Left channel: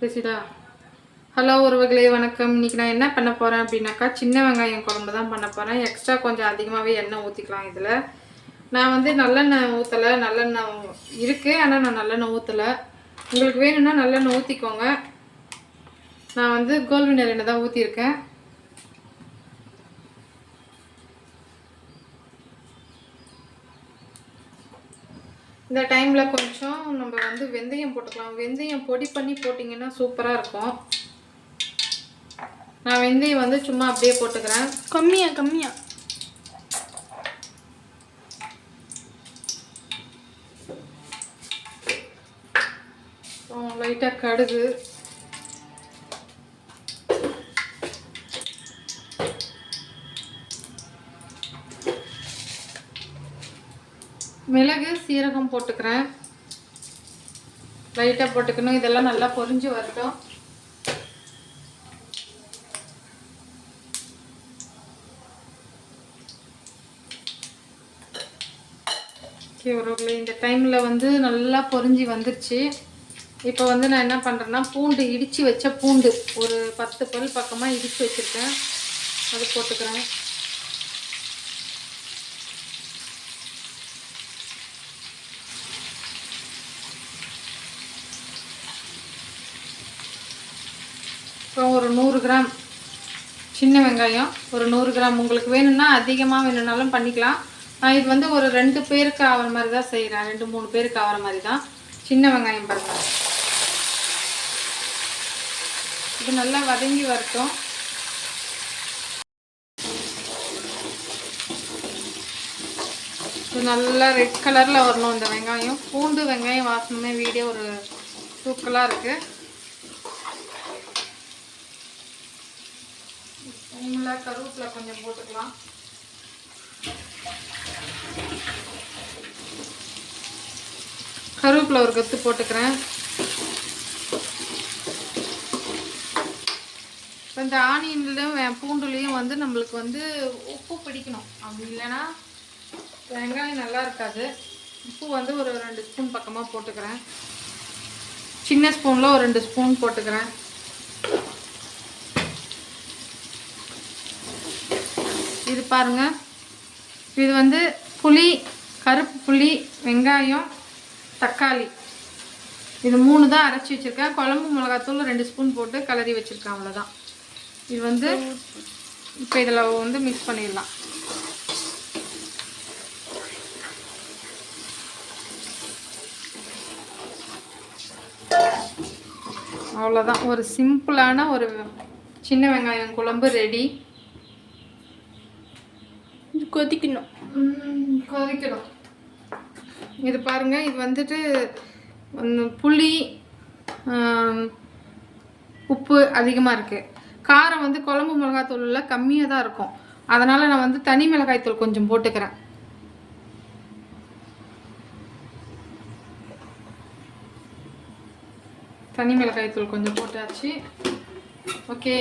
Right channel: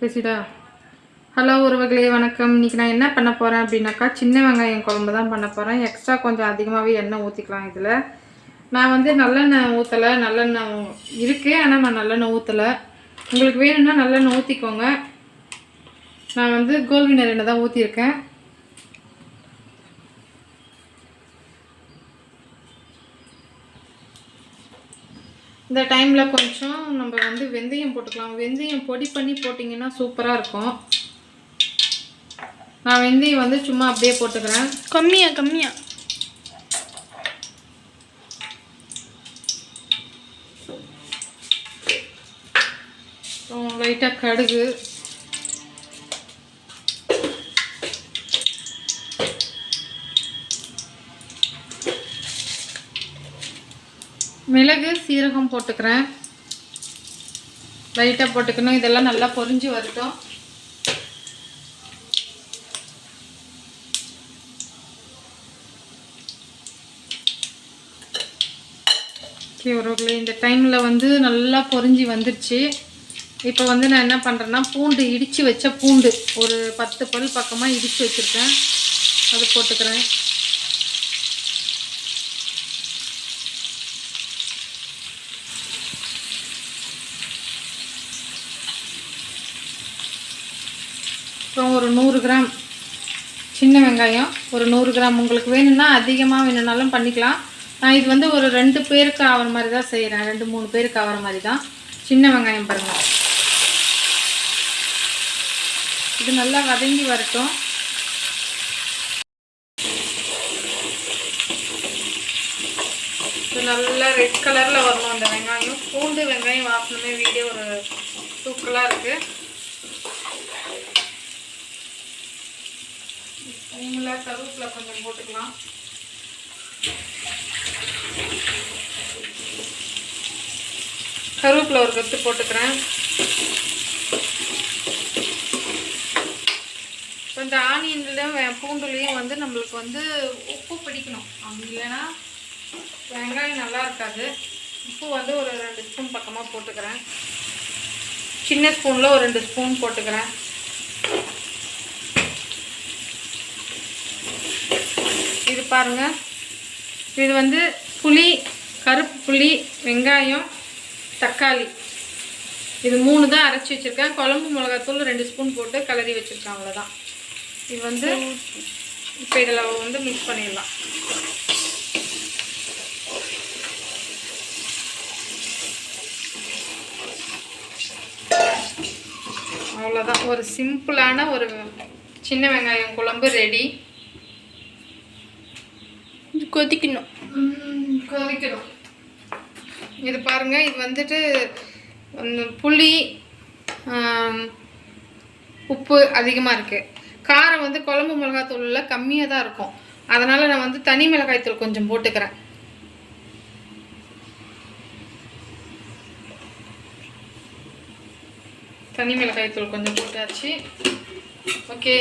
பேசிடா. Hello உறவுகளே, வணக்கம். இன்றைக்கி நான் என்ன பண்ண போகிறேன் அப்படின்னாக்கா, சின்ன வெங்காயம் குழம்பு தான் பண்ண போகிறேன். எக்ஸ்ட்ரா கொஞ்சம் அதிகமாகவே எண்ணெய் ஊற்றிக்கலாம். இதில் நான் வந்து நல்லெண்ணெய் ஊற்றலை, நல்லெண்ணெய் இருக்குது, ஆனால் நான் நல்லெண்ணெய் ஊற்றலை. உங்களுக்கு வேணும்னா நல்லெண்ணெய் ஊற்றிக்கோங்க. நான் வந்து கோல்வினர் எண்ணெய் தான் ஊற்றிருக்கேன். இந்த டைமில் கொஞ்சம் நம்ம வந்து வெந்தயம் போட்டுக்கலாம். வெந்தயம் பொடி பண்ணி போட்டிங்கன்னா சூப்பராக இருக்கும். நான் வெந்தயம் வந்து சும்மா அப்படியே போட்டுக்கிறேன். கம்மியாக லைட்டாக கடுகு, மிளகு, சீரகம் போட்டுக்கிறேன். லைட்டாக போட்டுக்கணும். இதெல்லாம் நல்லா பொரிஞ்சு வரட்டும். ஓகே உறவுகளே, இந்த டைமில் வந்து நல்லா பொரிஞ்சு வந்துருச்சு. இப்போ வந்து நான் என்ன பண்ணுறேன்னா, பூண்டு இடித்து வச்ச பூண்டு ஒரு 10 பல் பக்கமாக இடித்து வச்சுருக்கேன். அதை போட்டுக்கிறேன். அப்புறம் ஒரு 100 கிராம் சின்ன வெங்காயம், ஒரு 100 கிராம். உங்களுக்கு வேணும்னா அதிகமாக வேணும்னாலும் பண்ணிக்கலாம். நான் இது வந்து ஒரு 2 பேருக்கு ஆகிற மாதிரி தான் செய்கிறேன். 2-3 பேருக்கு ஆகிற மாதிரி தான். சின்ன வெங்காயம் பாருங்கள். இது நல்லா வதங்கி வரட்டும். இது நல்லா ரெட் கலரில் வரணும் இந்த வெங்காயம். பூண்டு வெங்காயம் வாசனமே வீடியோ ஒரு தூக்கலாக இருக்குது. கருவேப்பிலை கொஞ்சம் போட்டுக்கலாம். கருவேப்பிலை ஒரு கத்து போட்டுக்கிறேன். இந்த ஆனியன்லையும் பூண்டுலேயும் வந்து நம்மளுக்கு வந்து உப்பு பிடிக்கணும். அப்படி இல்லைன்னா வெங்காயம் நல்லா இருக்காது. உப்பு வந்து ஒரு 2 ஸ்பூன் பக்கமாக போட்டுக்கிறேன். சின்ன ஸ்பூனில் ஒரு 2 ஸ்பூன் போட்டுக்கிறேன். இது பாருங்கள், இது வந்து புளி, கருப்பு புளி, வெங்காயம், தக்காளி, இது 3 தான் அரைச்சி வச்சுருக்கேன். குழம்பு மிளகாத்தூள் 2 ஸ்பூன் போட்டு கலரி வச்சுருக்கேன். அவ்வளோதான். இது வந்து இப்போ இதில் வந்து மிக்ஸ் பண்ணிடலாம். அவ்வளோதான். ஒரு சிம்பிளான ஒரு சின்ன வெங்காயம் குழம்பு ரெடி. கொதிக்கணும். இது பாருங்கள், இது வந்துட்டு புளி, உப்பு அதிகமாக இருக்குது. காரம் வந்து குழம்பு மிளகாய்த்தூளில் கம்மியாக தான் இருக்கும். அதனால் நான் வந்து தனி மிளகாய்த்தூள் கொஞ்சம் போட்டுக்கிறேன். தனி மிளகாய்த்தூள் கொஞ்சம் போட்டாச்சு. ஓகே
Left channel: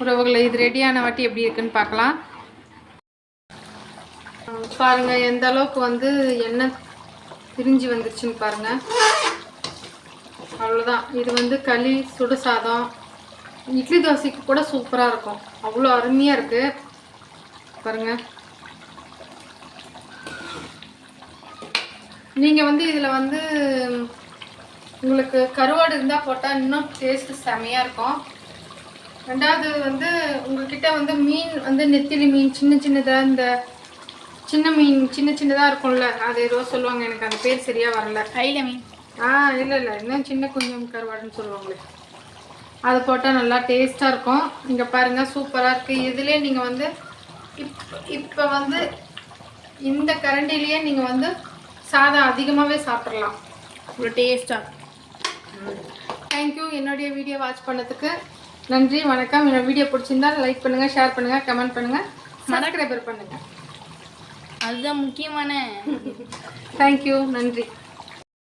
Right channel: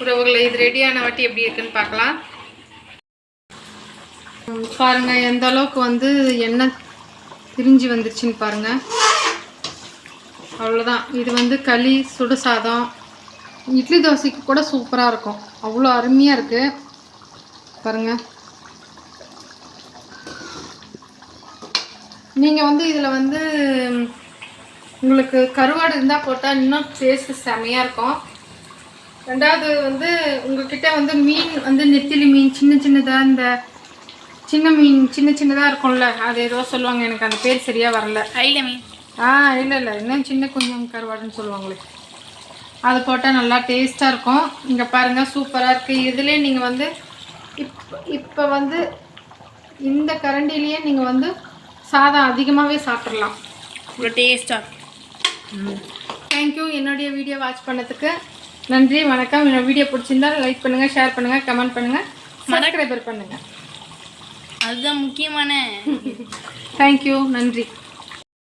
உறவுகளை, இது ரெடியான வாட்டி எப்படி இருக்குன்னு பார்க்கலாம். பாருங்கள் எந்த அளவுக்கு வந்து எண்ணெய் திரிஞ்சு வந்துருச்சுன்னு பாருங்கள். அவ்வளோதான். இது வந்து களி, சுடு சாதம், இட்லி தோசைக்கு கூட சூப்பராக இருக்கும். அவ்வளோ அருமையாக இருக்குது பாருங்கள். நீங்கள் வந்து இதில் வந்து உங்களுக்கு கருவாடு இருந்தால் போட்டால் இன்னும் டேஸ்ட்டு செமையாக இருக்கும். ரெண்டாவது வந்து உங்கள்கிட்ட வந்து மீன் வந்து நெத்திலி மீன் சின்னதாக, இந்த சின்ன மீன் சின்னதாக இருக்கும்ல, அது ஏதோ சொல்லுவாங்க, எனக்கு அந்த பேர் சரியாக வரல. ஐல மீன். இல்லை இன்னும் சின்ன கொஞ்சம் கருவாடுன்னு சொல்லுவாங்களே, அது போட்டால் நல்லா டேஸ்ட்டாக இருக்கும். இங்கே பாருங்கள் சூப்பராக இருக்குது. இதுலேயே நீங்கள் வந்து இப்போ வந்து இந்த கரண்டிலேயே நீங்கள் வந்து சாதம் அதிகமாகவே சாப்பிட்றலாம். இவ்வளோ டேஸ்ட்டாக. தேங்க்யூ. என்னுடைய வீடியோ வாட்ச் பண்ணதுக்கு நன்றி, வணக்கம். என்னோட வீடியோ பிடிச்சிருந்தால் லைக் பண்ணுங்கள், ஷேர் பண்ணுங்கள், கமெண்ட் பண்ணுங்கள், சப்ஸ்கிரைபர் பண்ணுங்கள். அதுதான் முக்கியமான. தேங்க்யூ, நன்றி.